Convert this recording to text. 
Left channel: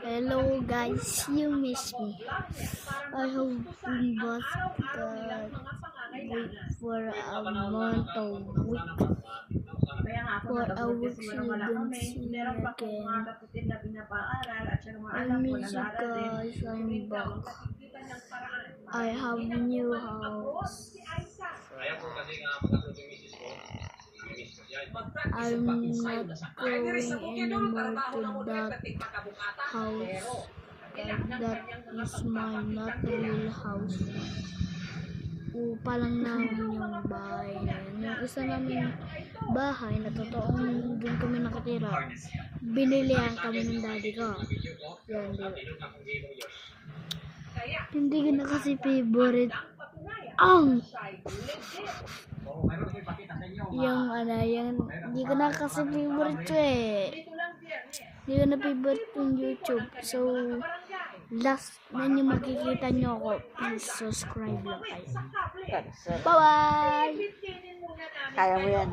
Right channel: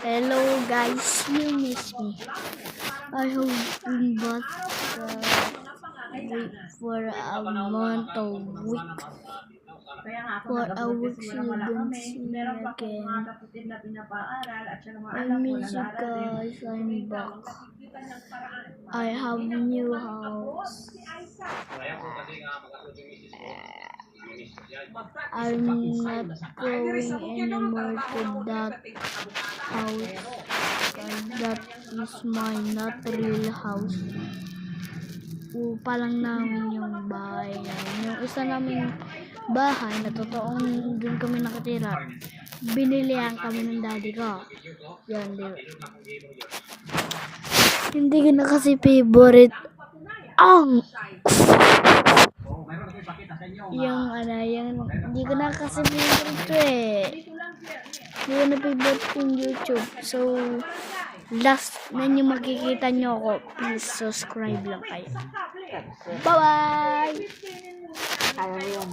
Hello guys, you miss me. I have been back wait for a month or week. For a week you don't see me again. I miss you guys, I'm back. I have new house. I'm not going anymore to that house. That is my not real house. Upa lang namin yung bahay na yun. Yung isa naming bahay na totoong dun kami nakatira, binilihan kami ng daddy ko. Yan, di ba? Hindi ko na kasi favorite ang yung hindi ko na kasi favorite to eh. Hindi ko na favorite yung YouTube. So, last na nyo makikita nyo ako, please subscribe lang kayo. Bye-bye! Kaya mo yan.